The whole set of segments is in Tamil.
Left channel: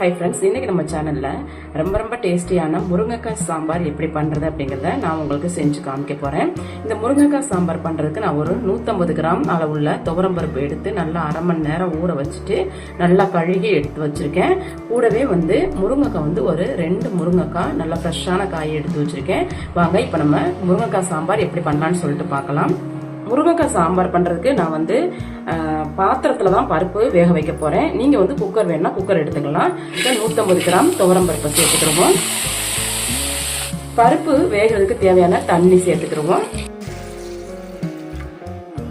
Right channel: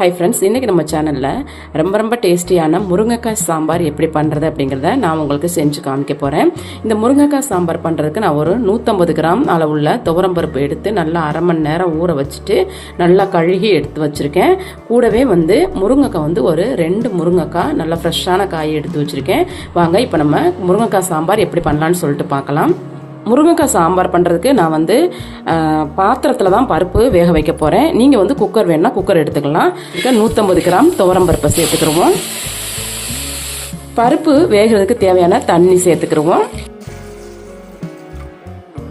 ஹை ஃப்ரெண்ட்ஸ் இன்றைக்கி நம்ம சேனலில் ரொம்ப ரொம்ப டேஸ்டியான முருங்கைக்காய் சாம்பார் எப்படி பண்ணுறது அப்படிங்கிறத நான் உங்களுக்கு செஞ்சு காமிக்க போகிறேன் இந்த முருங்கைக்காய் சாம்பார் பண்ணுறதுக்கு நான் ஒரு நூற்றம்பது கிராம் அளவுள்ள துவரம்பருப்பு எடுத்து நல்லா அரை மணி நேரம் ஊற வச்சுட்டு நல்லா கழுகி எடுத்து வச்சுருக்கேன். கூடவே வந்து முருங்கைக்காய் வந்து ஒரு ரெண்டு முருங்கைக்காய் நல்லா ஃப்ரெஷ்ஷான காய் எடுத்து வச்சுருக்கேன். வாங்க இப்போ நம்ம முருங்கைக்காய் சாம்பார் எப்படி பண்ணலான்னு சொல்லிட்டு பார்க்கலாம். முருங்கைக்காய் சாம்பார் பண்ணுறதுக்கு நான் வந்து பாத்திரத்தில் தான் பருப்பு வேக வைக்க போகிறேன் நீங்கள் வந்து குக்கர் வேணால் குக்கர் எடுத்துக்கலாம். இதை நூற்றம்பது கிராம் துவரம் பருப்பை சேர்த்துக்கிடுவோம் பருப்பு வேகிறதுக்கு தேவையான தண்ணி சேர்த்துக்கிடுவோம்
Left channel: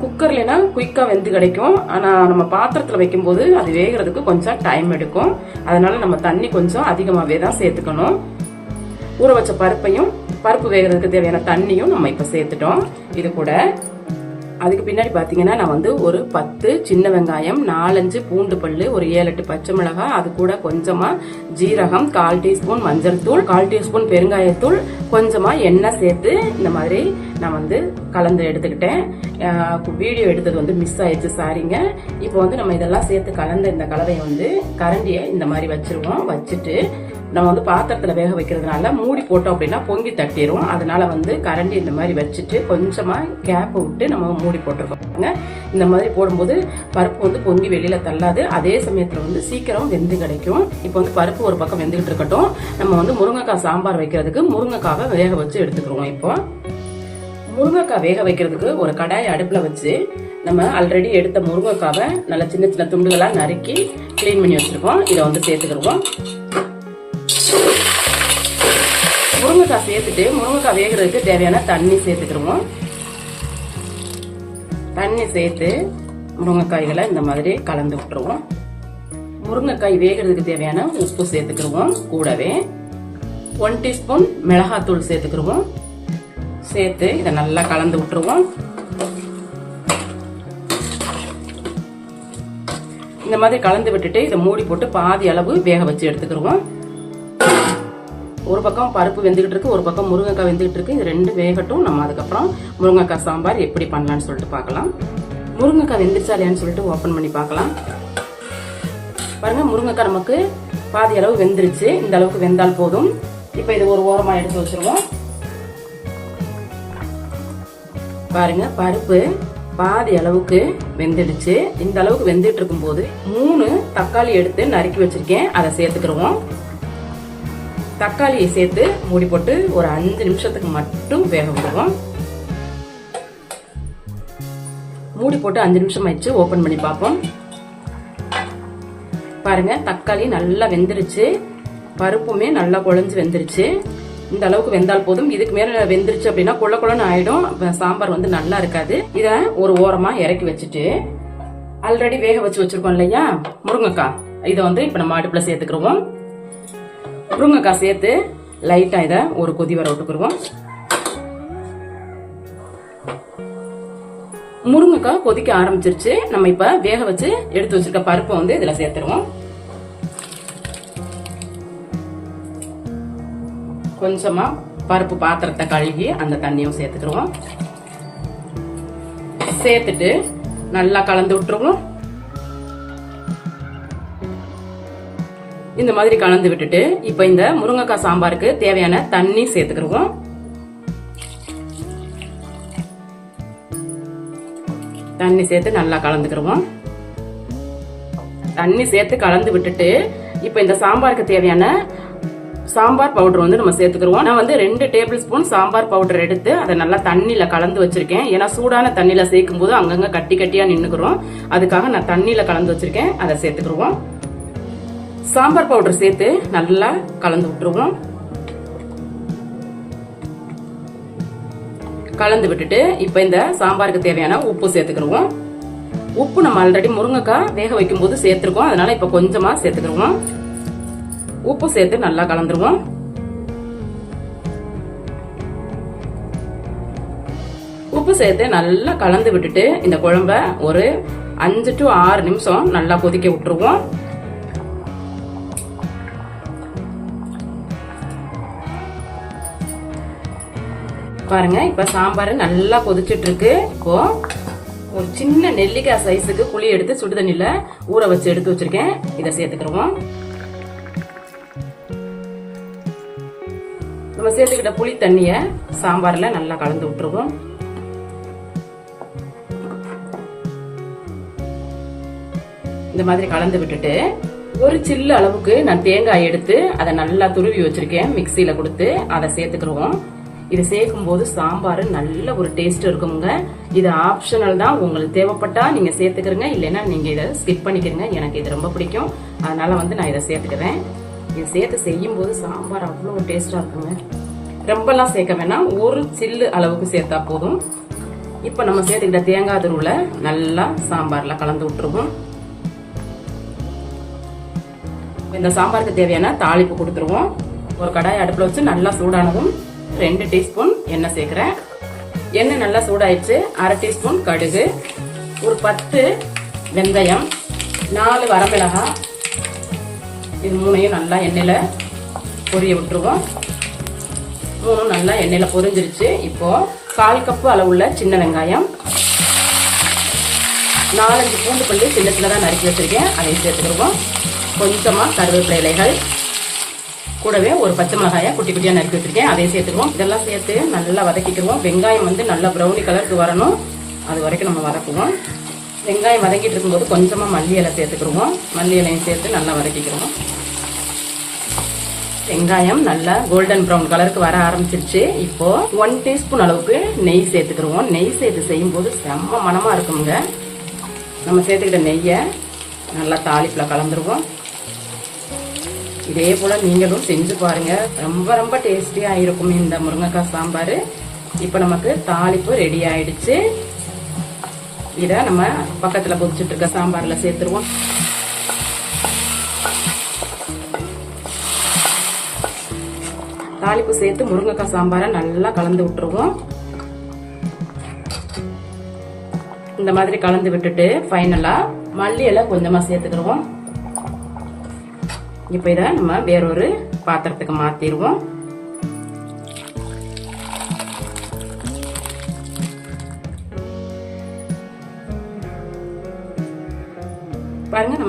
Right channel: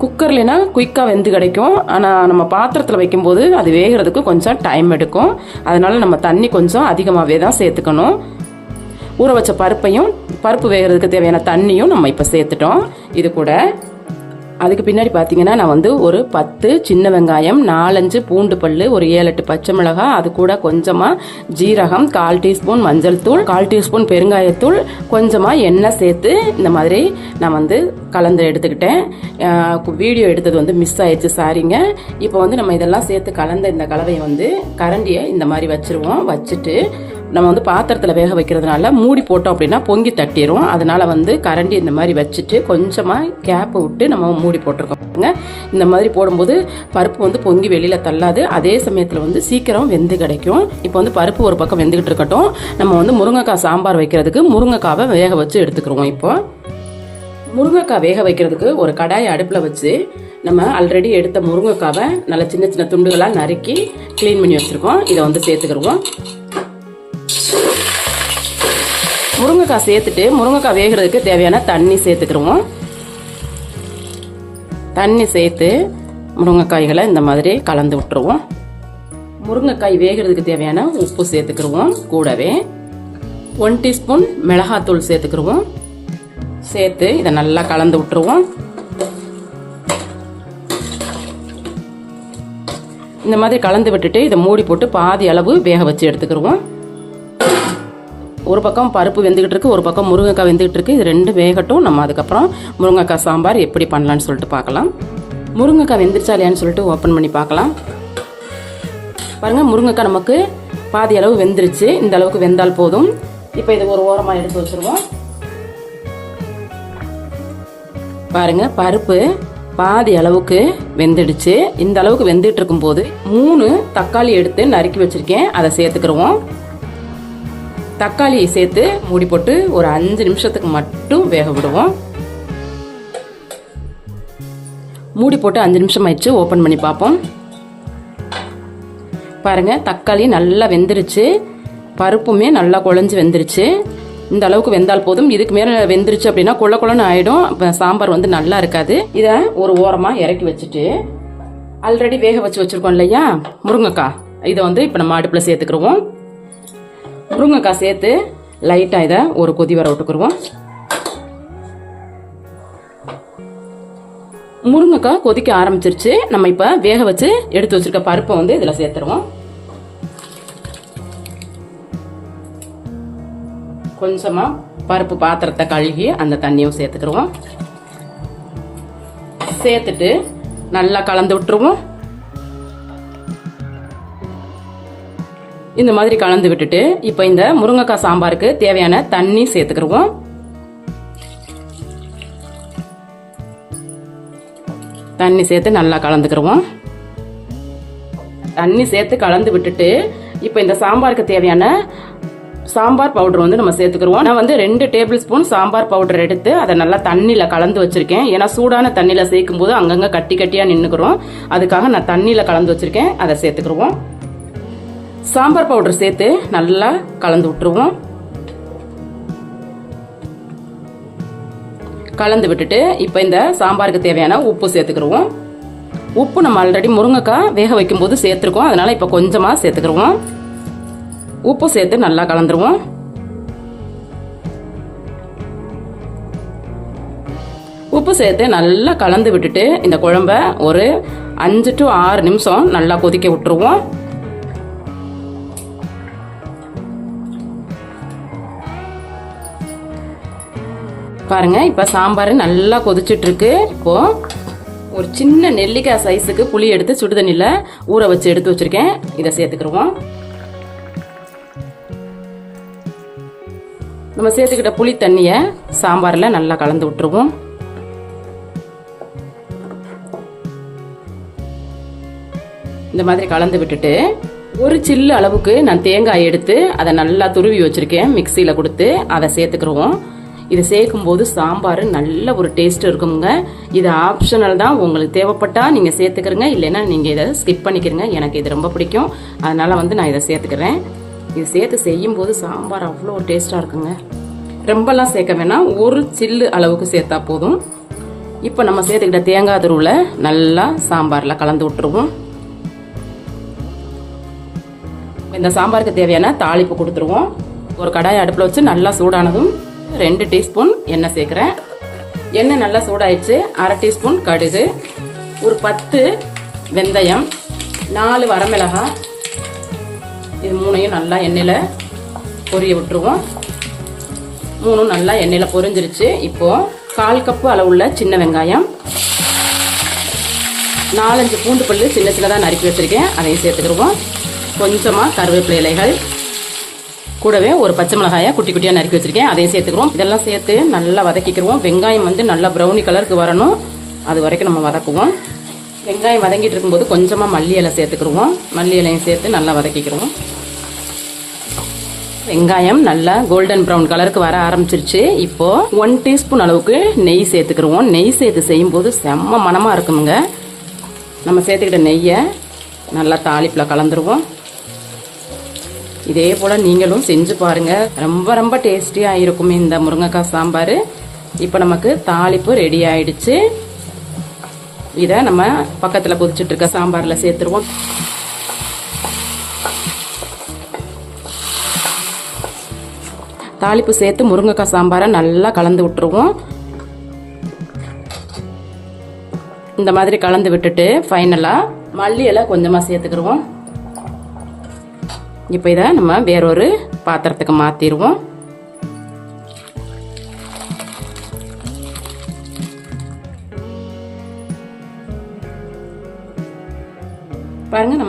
குக்கர்லனா குயிக்காக வெந்து கிடைக்கும். ஆனால் நம்ம பாத்திரத்தில் வைக்கும்போது அது வேகிறதுக்கு கொஞ்சம் டைம் எடுக்கும். அதனால் நம்ம தண்ணி கொஞ்சம் அதிகமாகவே தான் சேர்த்துக்கணும். ஊற வச்ச பருப்பையும் பருப்பு வேகிறதுக்கு தேவையான தண்ணியும் நம்ம இப்போ சேர்த்துட்டோம். இது கூட அதுக்கு பின்னாடி பார்த்தீங்கன்னா நான் வந்து ஒரு பத்து சின்ன வெங்காயம் நாலஞ்சு பூண்டு பல்லு ஒரு ஏழு எட்டு பச்சை மிளகாய் அது கூட கொஞ்சமாக ஜீரகம் கால் டீஸ்பூன் மஞ்சள் தூள் கால் டீஸ்பூன் பெருங்காயத்தூள் கொஞ்சமாக எண்ணெய் சேர்த்து இந்த மாதிரி நான் வந்து கலந்து எடுத்துக்கிட்டேன். வீடியோ எடுத்தது வந்து மிஸ் ஆயிடுச்சு சாரிங்க இப்போ வந்து நம்ம இதெல்லாம் சேர்த்து கலந்த இந்த கலவையை வந்து கரண்டியை இந்த மாதிரி வச்சுருவோம். வச்சுட்டு நம்ம வந்து பாத்திரத்தில் வேக வைக்கிறதுனால மூடி போட்டோம் அப்படின்னா பொங்கி தட்டிடும் அதனால வந்து கரண்டி இந்த மாதிரி வச்சுட்டு கொஞ்சமாக கேப் விட்டு நம்ம மூடி போட்டிருக்கோங்க இந்த மாதிரி போடும்போது பருப்பு வந்து பொங்கி வெளியில் தள்ளாது. அதே சமயத்தில் வந்து சீக்கிரம் வெந்து கிடைக்கும். இப்போ வந்து பருப்பு ஒரு பக்கம் வெந்துகிட்டு இருக்கட்டும். நம்ம வந்து முருங்கைக்காய் சாம்பார் வைக்கிறதுக்கு முருங்கைக்காவை வேக வச்சு எடுத்துக்கிறோம் இப்போ. முருங்கைக்காய் வேக வைக்கிறதுக்கு ஒரு கடாய் அடுப்பில் வச்சு நம்ம ஆல்ரெடி எடுத்த முருங்கைக்காவை நல்லா சின்ன சின்ன துண்டுகளாக நறுக்கி க்ளீன் பண்ணி வச்சுருக்கோம். இதை வந்து சேர்த்துக்கிடுவோம். முருங்கைக்காய் சேர்த்துட்டு முருங்கைக்காய் வேகிறதுக்கு தேவையான தண்ணி சேர்த்துக்கிடுவோம் தண்ணி சேர்த்து முருங்கைக்காய்களை இந்த மாதிரி கலந்து விட்டுருவோம். முருங்கைக்காய் வேகிறதுக்கு தேவையான உப்பு சேர்த்துக்கிடுவோம் கூடவே. ஒன் டீஸ்பூன் மிளகாத்தூள் சேர்த்துக்கிடுவோம் சேர்த்து இதை நல்லா கலந்து விட்டுருவோம். இந்த மாதிரி கலந்து விட்டுட்டு இதை மூடி போட்டு பாதி அளவு வேக வச்சு எடுத்துக்கிடுவோம் ஒரு பக்கம் பருப்பு வெந்துக்கிட்டு இருக்கு ஒரு பக்கம் முருங்கைக்காய் வெந்துக்கிட்டு இருக்கு. இது ரெண்டு வேகட்டும். நம்ம அதுக்கப்புறம் முருங்கைக்காய் சாம்பார் எப்படி பண்ணலான்னு சொல்லிட்டு பார்க்கலாம். முருங்கைக்காய் வெந்துருச்சா இல்லையான்னு சொல்லிட்டு ஓப்பன் பண்ணி பார்க்கலாம். பாருங்கள் முருங்கைக்காய் நமக்கு பாதி அளவு வெந்துருச்சு. இந்த அளவுக்கு வெந்தால் போதும். இப்போ இது ஒரு ஓரமாக எடுத்து வச்சுருவோம். பாருங்க பருப்பு பாதி அளவுக்கு வெந்துடுச்சு. இந்த அளவுக்கு வெந்துட்டு இருக்கும்போது மூணு தக்காளி எடுத்து நறுக்கி வச்சிருக்கேன். அதை சேர்த்துக்கிடுவோம் தக்காளியை சேர்த்து மூடி போட்டு ஒரு அஞ்சு நிமிஷத்துக்கு மட்டும் வேக விடுவோம். மூடி போட்டு அஞ்சு நிமிஷம் ஆயிடுச்சு. ஓப்பன் பண்ணி பார்ப்போம். பாருங்க தக்காளி நல்லா வெந்துருச்சு. பருப்புமே நல்லா குழஞ்சி வெந்துருச்சு. இந்த அளவுக்கு வெந்தால் போதும். இதுக்கு மேலே வெந்துருச்சு அப்படின்னா குள்ள குள்ளன்னு ஆயிடும். சாம்பார் வந்து நல்லா இருக்காது. இதை ஒரு ஓரமாக இறக்கி வச்சுட்டு ஆல்ரெடி வேக வச்சு வச்சிருக்கோம் இல்லையா? முருங்கக்காய். இதை வந்து இப்போ நம்ம அடுப்பில் சேர்த்துக்கிறோம் முருங்கைக்காய் சேர்த்து லைட்டாக இதை ஒரு கொதி வர விட்டுக்குருவோம். முருங்கைக்காய் கொதிக்க ஆரம்பிச்சிருச்சு. நம்ம இப்போ வேக வச்சு எடுத்து வச்சிருக்க பருப்பை வந்து இதில் சேர்த்துருவோம். கொஞ்சமாக பருப்பு பாத்திரத்தை கழுகி அந்த தண்ணியும் சேர்த்துக்கிடுவோம் சேர்த்துட்டு நல்லா கலந்து விட்டுருவோம். இந்த மாதிரி கலந்து விட்டுட்டு இப்போ இந்த முருங்கைக்காய் சாம்பாருக்கு தேவையான தண்ணி சேர்த்துக்கிடுவோம். தண்ணி சேர்த்து நல்லா கலந்துக்கிடுவோம். தண்ணி சேர்த்து கலந்து விட்டுட்டு இப்போ இந்த சாம்பாருக்கு தேவையான சாம்பார் பவுடர் வந்து நம்ம சேர்த்துக்கிறோம் நான் வந்து ரெண்டு டேபிள் ஸ்பூன் சாம்பார் பவுடர் எடுத்து அதை நல்லா தண்ணியில் கலந்து வச்சிருக்கேன். ஏன்னா சூடான தண்ணியில் சேர்க்கும் போது அங்கங்கே கட்டி கட்டியாக நின்றுக்கிறோம் அதுக்காக நான் தண்ணியில் கலந்து வச்சிருக்கேன். அதை சேர்த்துக்கிடுவோம். சாம்பார் பவுடர் சேர்த்து நல்லா கலந்து விட்டுருவோம். கலந்து விட்டுட்டு இப்போ இந்த சாம்பாருக்கு தேவையான உப்பு சேர்த்துக்கிடுவோம். உப்பு நம்ம ஆல்ரெடி முருங்கைக்காய் வேக வைக்கும் போது சேர்த்துருக்கோம். அதனால இப்போ கொஞ்சமாக சேர்த்துக்கிடுவோம். உப்பு சேர்த்து நல்லா கலந்துருவோம். உப்பு சேர்த்து நல்லா கலந்து விட்டுட்டு இந்த குழம்ப ஒரு அஞ்சு டு ஆறு நிமிஷம் நல்லா கொதிக்க விட்டுருவோம். பாருங்க இப்போ சாம்பார் நல்லா கொதிச்சிட்ருக்கு. இப்போது ஒரு சின்ன நெல்லிக்காய் சைஸுக்கு புளி எடுத்து சுடு தண்ணியில் ஊற வச்சு எடுத்து வச்சிருக்கேன். இதை சேர்த்துக்கிடுவோம். நம்ம சேர்த்துக்கிட்ட புளி தண்ணியை சாம்பார்ல நல்லா கலந்து விட்டுருவோம். இந்த மாதிரி கலந்து விட்டுட்டு ஒரு சில்லு அளவுக்கு நான் தேங்காய் எடுத்து அதை நல்லா துருவி வச்சிருக்கேன். மிக்சியில் கொடுத்து அதை சேர்த்துக்கிடுவோம். இது சேர்க்கும் போது சாம்பார் நல்ல ஒரு டேஸ்ட் இருக்குங்க. இது ஆப்ஷனல் தான். உங்களுக்கு தேவைப்பட்டால் நீங்கள் சேர்த்துக்கிறங்க. இல்லைன்னா நீங்கள் இதை ஸ்கிப் பண்ணிக்கிறங்க. எனக்கு இது ரொம்ப பிடிக்கும். அதனால் வந்து நான் இதை சேர்த்துக்கிறேன். இது சேர்த்து செய்யும் போது சாம்பார் அவ்வளோ டேஸ்ட்டாக இருக்குங்க. ரொம்பலாம் சேர்க்க வேணாம். ஒரு சில்லு அளவுக்கு சேர்த்தா போதும். இப்போ நம்ம சேர்த்துக்கிட்ட தேங்காய் துருவில் நல்லா சாம்பாரில் கலந்து விட்டுருவோம். இந்த சாம்பாருக்கு தேவையான தாளிப்பு கொடுத்துருவோம். ஒரு கடாய் அடுப்பில் வச்சு நல்லா சூடானதும் ரெண்டு டீஸ்பூன் எண்ணெய் சேர்க்குறேன். எண்ணெய் நல்லா சூடாயிடுச்சு. அரை டீஸ்பூன் கடுகு ஒரு பத்து வெந்தயம் நாலு வரமிளகாய். இது மூணையும் நல்லா எண்ணெயில் பொரிய விட்டுருவோம். மூணும் நல்லா எண்ணெயில் பொரிஞ்சிருச்சு. இப்போது கால் கப்பு அளவுள்ள சின்ன வெங்காயம். நாலஞ்சு பூண்டு பல்லு சின்ன சின்னதாக நறுக்கி வச்சுருக்கேன். அதையும் சேர்த்துக்கிடுவோம். கொஞ்சமாக கருவேப்பிலை இலைகள். கூடவே ஒரு பச்சை மிளகாயை குட்டி குட்டியாக நறுக்கி வச்சிருக்கேன். அதையும் சேர்த்துக்கிறோம் இதெல்லாம் சேர்த்து நல்லா வதக்கிக்கிறோம் வெங்காயம் வந்து நல்லா ப்ரௌனி கலருக்கு வரணும். அது வரைக்கும் நம்ம வதக்குவோம். வெங்காயம் வதங்கிட்டு இருக்கும்போது கொஞ்சமாக மல்லி இலை சேர்த்துக்கிடுவோம். மல்லி இலையும் சேர்த்து நல்லா வதக்கிக்கிறோம் வெங்காயம் நல்லா கோல்டன் ப்ரௌன் கலருக்கு வர ஆரம்பிச்சிருச்சு. இப்போ ஒன் டீஸ்பூன் அளவுக்கு நெய் சேர்த்துக்கிடுவோம். நெய் சேர்த்து செய்யும்போது செம்ம மனமாக இருக்குங்க நம்ம சேர்த்துக்கிட்ட நெய்யை நல்லா தாளிப்பில் கலந்துருவோம். இதே போல் நீங்களும் செஞ்சு பாருங்க. ரொம்ப ரொம்ப டேஸ்டியா இருக்கும் இந்த முருங்கைக்காய் சாம்பார். இப்போ நமக்கு தாளிப்பு ரெடி ஆயிடுச்சு. இதை நம்ம பக்கத்தில் கொதிச்சுட்டு இருக்க சாம்பாரில் சேர்த்துருவோம். தாளிப்பு சேர்த்து முருங்கைக்காய் சாம்பாரை நல்லா கலந்து விட்டுருவோம். இந்த மாதிரி கலந்து விட்டுட்டு ஃபைனலாக மல்லி எல்லாம் கொஞ்சமாக சேர்த்துக்கிடுவோம் இப்போ இதை நம்ம வேறொரு பாத்திரத்துக்கு மாற்றிடுவோம்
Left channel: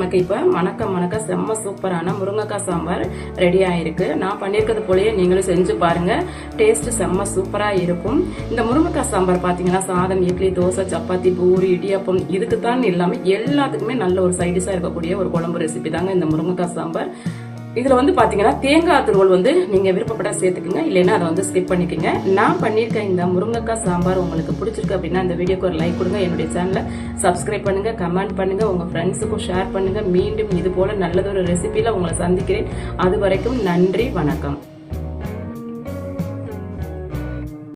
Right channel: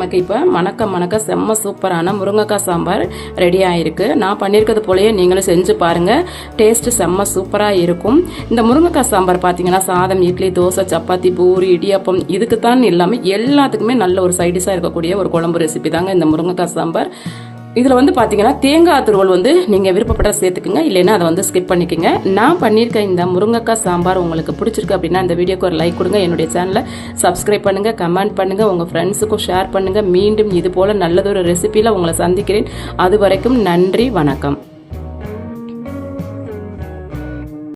நமக்கு இப்போ மணக்க மணக்க செம்ம சூப்பரான முருங்கைக்காய் சாம்பார் ரெடி ஆகிருக்கு நான் பண்ணியிருக்கிறது போலயே நீங்களும் செஞ்சு பாருங்கள் டேஸ்ட்டு செம்ம சூப்பராக இருக்கும். இந்த முருங்கைக்காய் சாம்பார் பார்த்தீங்கன்னா சாதம் இட்லி தோசை சப்பாத்தி பூரி இடியாப்பம் இதுக்கு தான் இல்லாமல் எல்லாத்துக்குமே நல்ல ஒரு சைடிஷாக இருக்கக்கூடிய ஒரு குழம்பு ரெசிபி தாங்க இந்த முருங்கைக்காய் சாம்பார். இதில் வந்து பார்த்தீங்கன்னா தேங்காய் துருவல் வந்து நீங்கள் விருப்பப்பட்ட சேர்த்துக்குங்க. இல்லைன்னா அதை வந்து ஸ்கிப் பண்ணிக்கோங்க. நான் பண்ணியிருக்க இந்த முருங்கைக்காய் சாம்பார் உங்களுக்கு பிடிச்சிருக்கு அப்படின்னா இந்த வீடியோக்கு ஒரு லைக் கொடுங்க. என்னுடைய சேனலை சப்ஸ்கிரைப் பண்ணுங்கள் கமெண்ட் பண்ணுங்கள் உங்கள் ஃப்ரெண்ட்ஸுக்கும் ஷேர் பண்ணுங்கள் மீண்டும் இது போல் நல்லதொரு ரெசிபியில் உங்களை சந்திக்கிறேன். அது வரைக்கும் நன்றி வணக்கம்.